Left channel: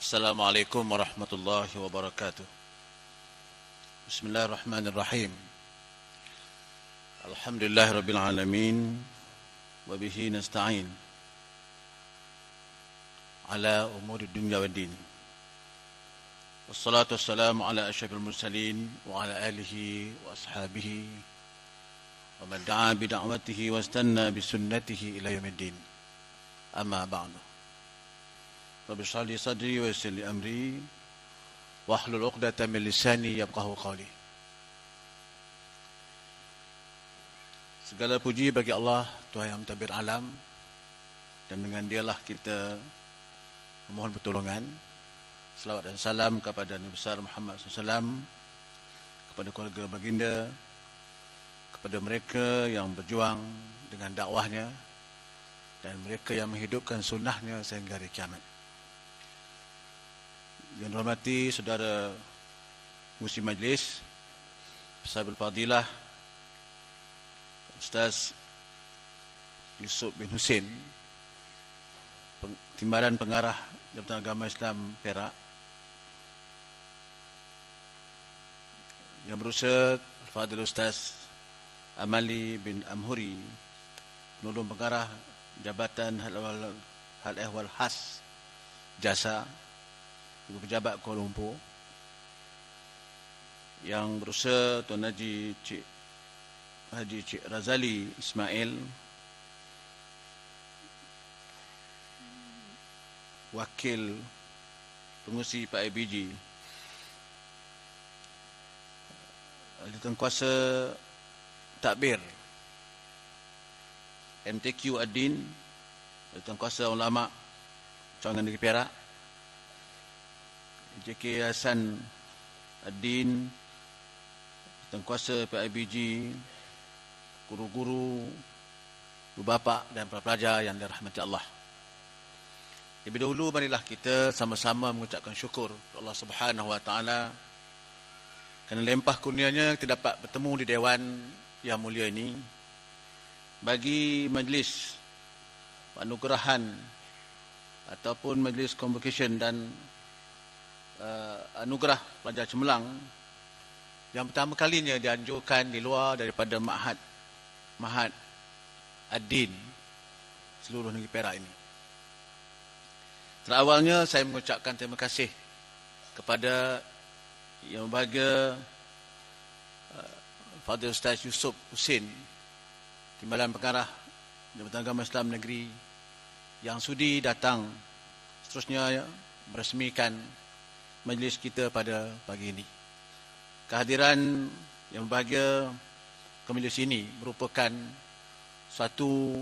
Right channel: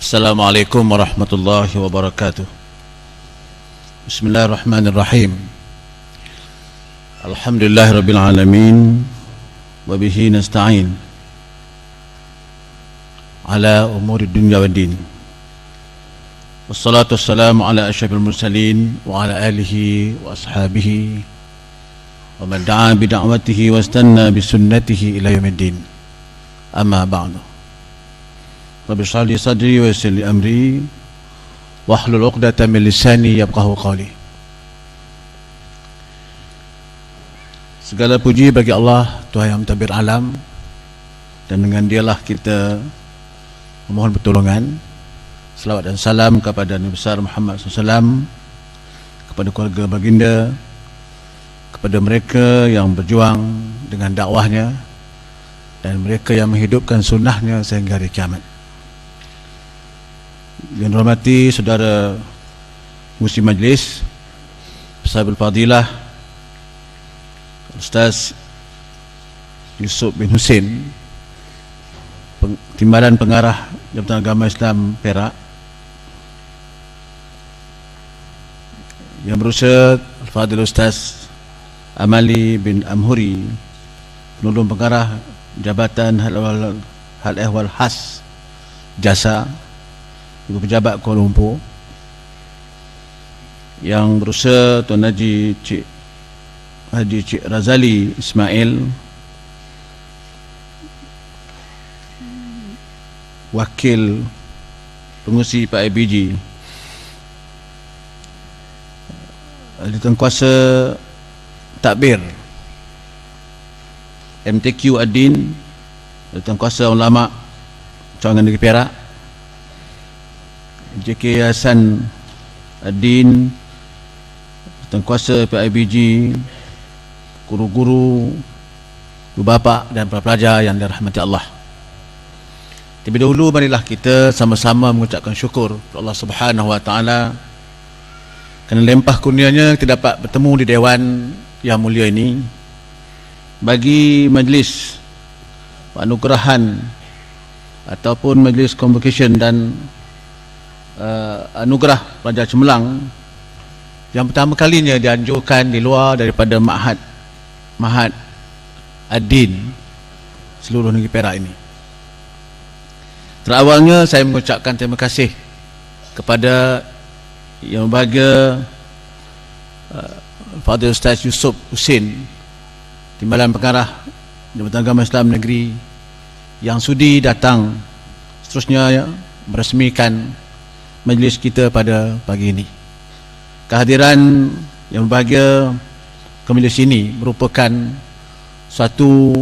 Assalamualaikum warahmatullahi wabarakatuh. Bismillahirrahmanirrahim. Alhamdulillahirabbil alamin wa bihi nasta'in ala umuri dunya waddin. Wassalatu wassalamu ala asyrafil mursalin wa ala alihi wa ashabihi wa man da'a bi da'watihi wastanna bi sunnatihi ila yaumiddin. Amma ba'du. Rabbi shrah li sadri wa yassir li amri wahlul 'uqdatam min lisani yafqahu qawli. Segala puji bagi Allah, Tuhan yang mentadbir alam, dan dengan Dialah kita memohon pertolongan. Selawat dan salam kepada Nabi besar Muhammad SAW, kepada keluarga baginda, kepada mereka yang berjuang dengan dakwahnya, dan mereka yang menghidupkan sunnahnya sehingga hari kiamat. Yang dihormati saudara Musi Majlis, Pesabul Fadilah Ustaz Yusuf bin Husin, Timbalan Pengarah Jabatan Agama Islam Perak, Yang berusaha Al-Fadhil Ustaz Amali bin Amhuri, Penolong Pengarah Jabatan Hal Ehwal Khas Jasa, Ibu Pejabat Kuala Lumpur, yang berusaha Tuan Haji Cik Razali Ismail, Wakil Pengurusi Pak IBG, Ahli Tengkuasa Takbir MTQ Adin, Ahli Tengkuasa Ulama Cawangan Negeri Perak, JK Hasan Adin, Tengkuasa PIBG, guru-guru, ibu bapa dan para pelajar yang dirahmati Allah. Terlebih dahulu marilah kita sama-sama mengucapkan syukur kepada Allah Subhanahu wa taala kerana limpah kurnianya kita dapat bertemu di dewan yang mulia ini bagi majlis penganugerahan ataupun majlis convocation dan anugerah pelajar cemerlang yang pertama kalinya dianjurkan di luar daripada Ma'had Ad-Din seluruh negeri Perak ini. Terawalnya saya mengucapkan terima kasih kepada Yang Berbahagia Fadil Ustaz Yusuf Husin, Timbalan Pengarah Jabatan Agama Islam Negeri, yang sudi datang seterusnya meresmikan majlis kita pada pagi ini. Kehadiran Yang Berbahagia ke majlis ini merupakan suatu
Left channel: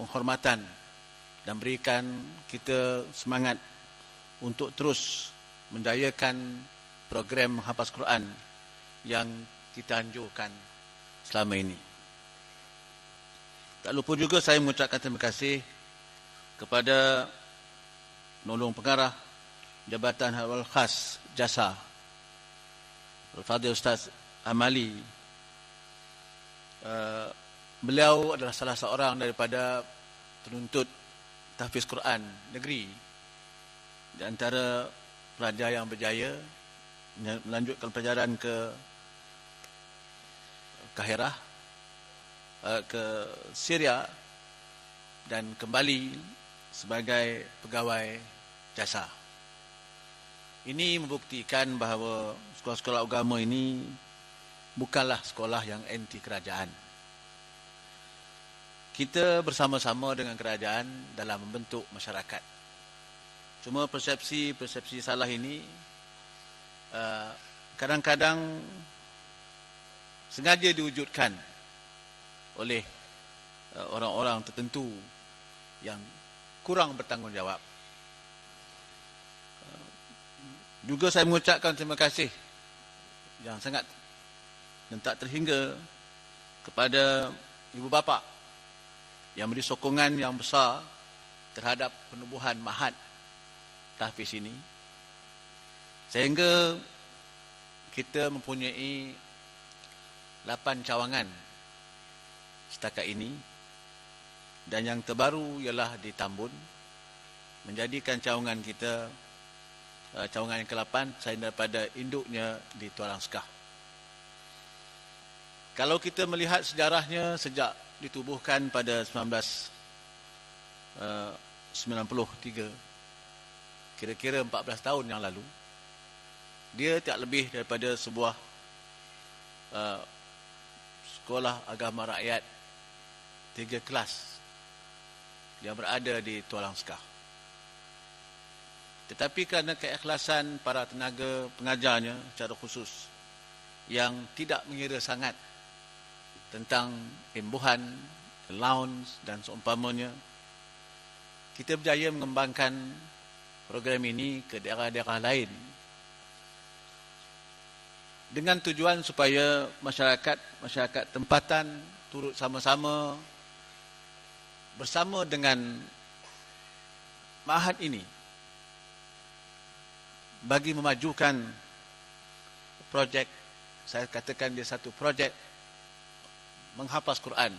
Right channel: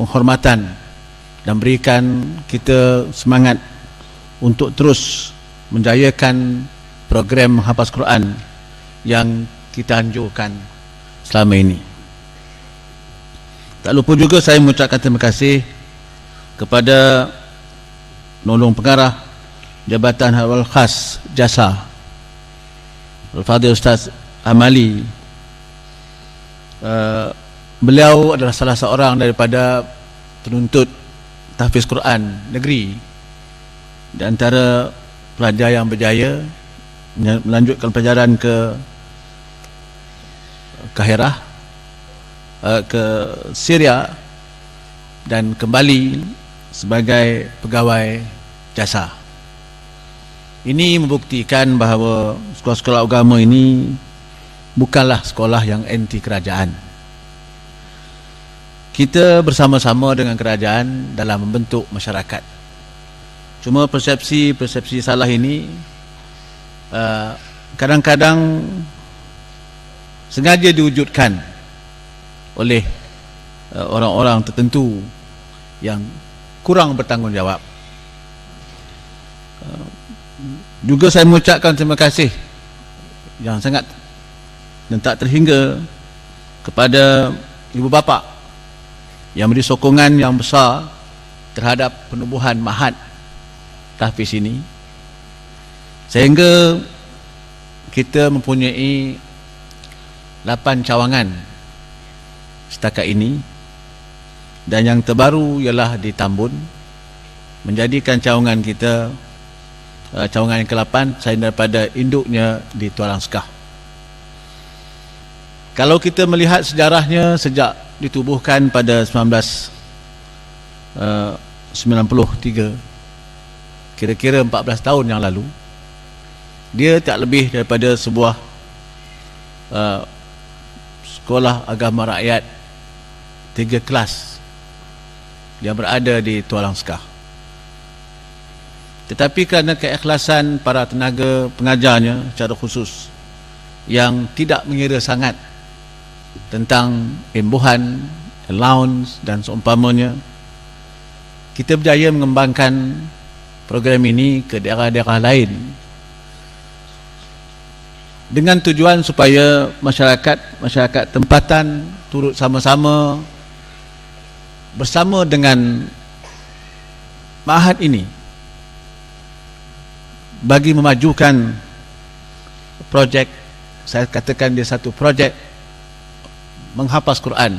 penghormatan dan berikan kita semangat untuk terus menjayakan program hafaz Quran yang kita anjurkan selama ini. Tak lupa juga saya mengucapkan terima kasih kepada Penolong Pengarah Jabatan Hal Khas Jasa, Al-Fadhil Ustaz Amali. Beliau adalah salah seorang daripada penuntut tahfiz Quran negeri di antara pelajar yang berjaya melanjutkan pelajaran ke Kahirah, ke Syria, dan kembali sebagai pegawai jasa. Ini membuktikan bahawa sekolah-sekolah agama ini bukanlah sekolah yang anti kerajaan. Kita bersama-sama dengan kerajaan dalam membentuk masyarakat. Cuma persepsi salah ini kadang-kadang sengaja diwujudkan oleh orang-orang tertentu yang kurang bertanggungjawab. Juga saya mengucapkan terima kasih yang sangat dan tak terhingga kepada ibu bapa yang beri sokongan yang besar terhadap penubuhan Ma'had tahfiz ini, sehingga kita mempunyai 8 cawangan setakat ini, dan yang terbaru ialah di Tambun, menjadikan cawangan kita cawangan yang ke-8, saya daripada induknya di Tualang Sekah. Kalau kita melihat sejarahnya sejak ditubuhkan pada 1993, kira-kira 14 tahun yang lalu, dia tak lebih daripada sebuah sekolah agama rakyat 3 kelas yang berada di Tualang Sekah. Tetapi kerana keikhlasan para tenaga pengajarnya secara khusus yang tidak mengira sangat tentang imbuhan, allowance dan seumpamanya, kita berjaya mengembangkan program ini ke daerah-daerah lain dengan tujuan supaya masyarakat tempatan turut sama-sama bersama dengan ma'had ini bagi memajukan projek, saya katakan dia satu projek menghafaz Quran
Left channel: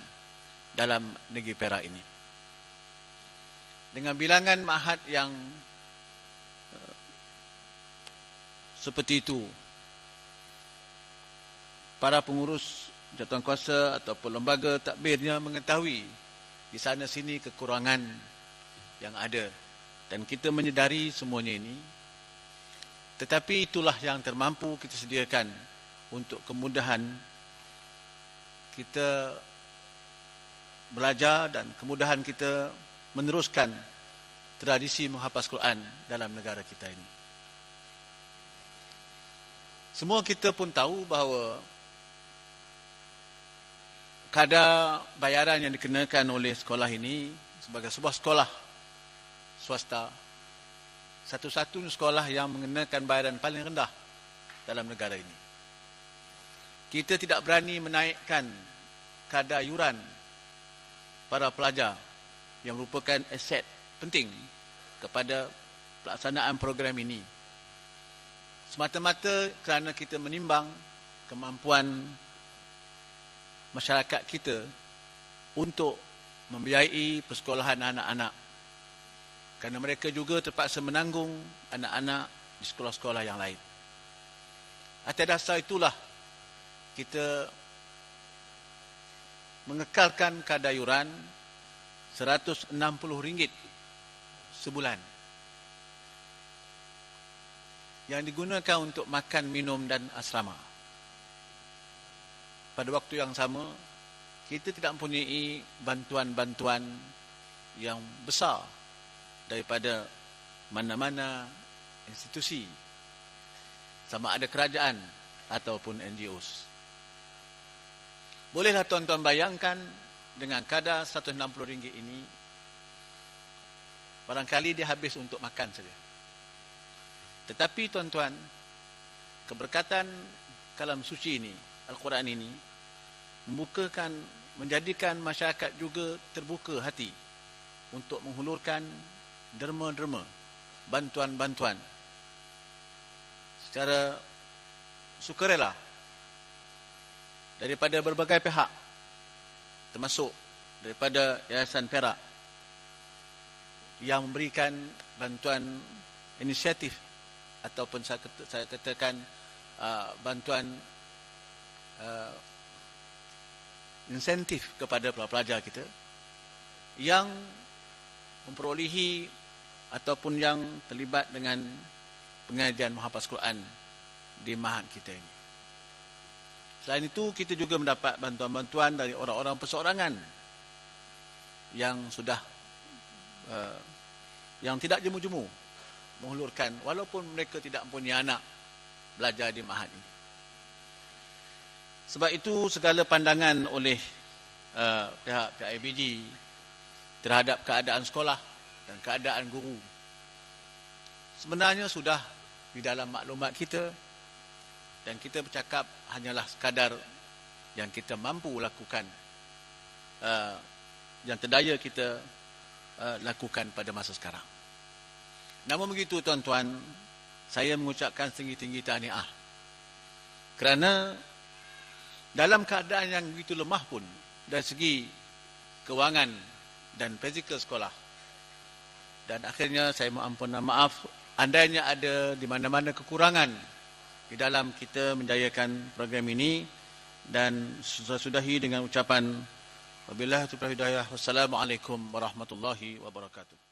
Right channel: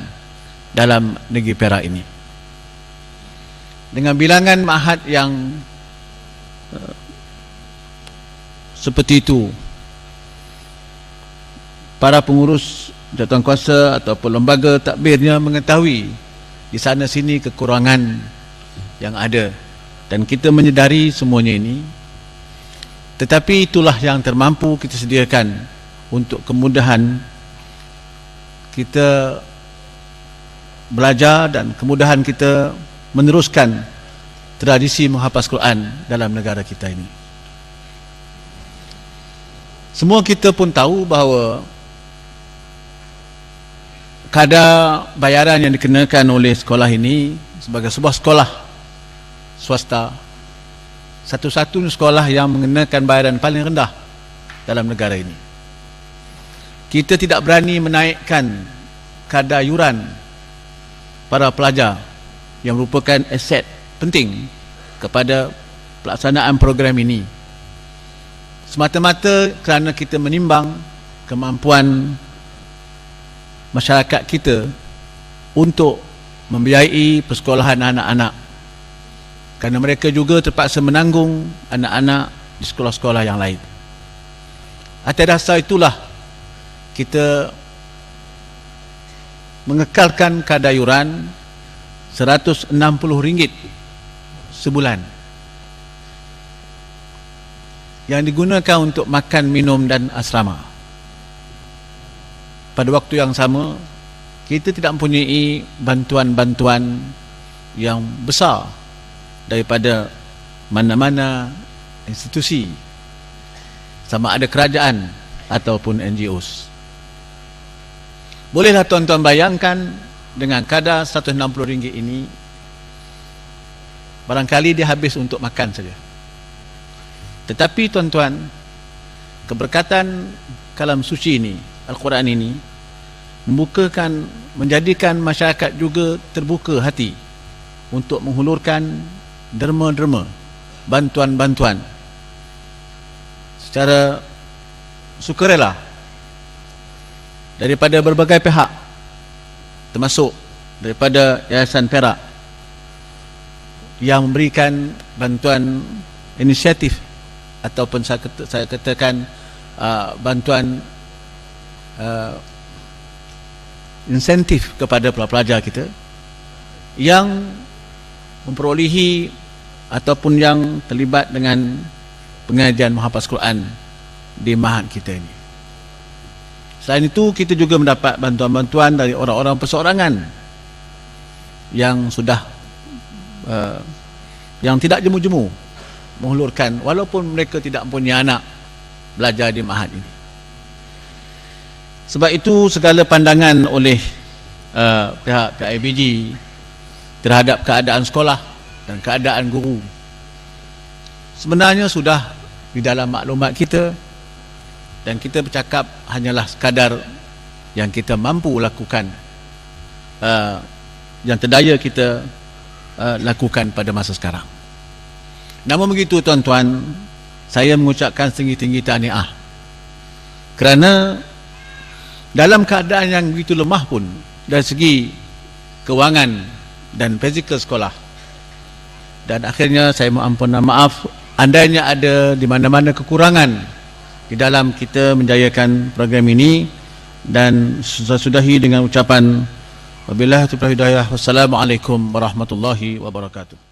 dalam negeri Perak ini. Dengan bilangan ma'had yang seperti itu, para pengurus jawatankuasa ataupun lembaga takbirnya mengetahui di sana sini kekurangan yang ada, dan kita menyedari semuanya ini. Tetapi itulah yang termampu kita sediakan untuk kemudahan kita belajar dan kemudahan kita meneruskan tradisi menghafaz Quran dalam negara kita ini. Semua kita pun tahu bahawa kadar bayaran yang dikenakan oleh sekolah ini sebagai sebuah sekolah swasta, satu-satunya sekolah yang mengenakan bayaran paling rendah dalam negara ini. Kita tidak berani menaikkan kadar yuran para pelajar yang merupakan aset penting kepada pelaksanaan program ini, semata-mata kerana kita menimbang kemampuan masyarakat kita untuk membiayai persekolahan anak-anak, kerana mereka juga terpaksa menanggung anak-anak di sekolah-sekolah yang lain. Atas dasar itulah kita mengekalkan kadar yuran RM160 sebulan yang digunakan untuk makan, minum dan asrama. Pada waktu yang sama, kita tidak mempunyai bantuan-bantuan yang besar daripada mana-mana institusi, sama ada kerajaan ataupun NGOs. Bolehlah tuan-tuan bayangkan, dengan kadar RM160 ini, barangkali dia habis untuk makan saja. Tetapi tuan-tuan, keberkatan kalam suci ini, Al-Quran ini, menjadikan masyarakat juga terbuka hati untuk menghulurkan derma-derma, bantuan-bantuan secara sukarela daripada berbagai pihak, termasuk daripada Yayasan Perak yang memberikan bantuan inisiatif ataupun saya katakan bantuan insentif kepada pelajar kita yang memperolehi ataupun yang terlibat dengan pengajian menghafaz Quran di ma'had kita ini. Selain itu, kita juga mendapat bantuan-bantuan dari orang-orang perseorangan yang sudah yang tidak jemu-jemu menghulurkan, walaupun mereka tidak mempunyai anak belajar di ma'had ini. Sebab itu segala pandangan oleh pihak PIBG terhadap keadaan sekolah dan keadaan guru sebenarnya sudah di dalam maklumat kita, dan kita bercakap hanyalah sekadar yang kita mampu lakukan, yang terdaya kita lakukan pada masa sekarang. Namun begitu tuan-tuan, saya mengucapkan setinggi-tinggi tahniah kerana dalam keadaan yang begitu lemah pun dari segi kewangan dan fizikal sekolah, dan akhirnya saya mohon maaf andainya ada di mana-mana kekurangan di dalam kita menjayakan program ini, dan sudahi dengan ucapan wabillahi taufiq wal hidayah. Wassalamualaikum warahmatullahi wabarakatuh.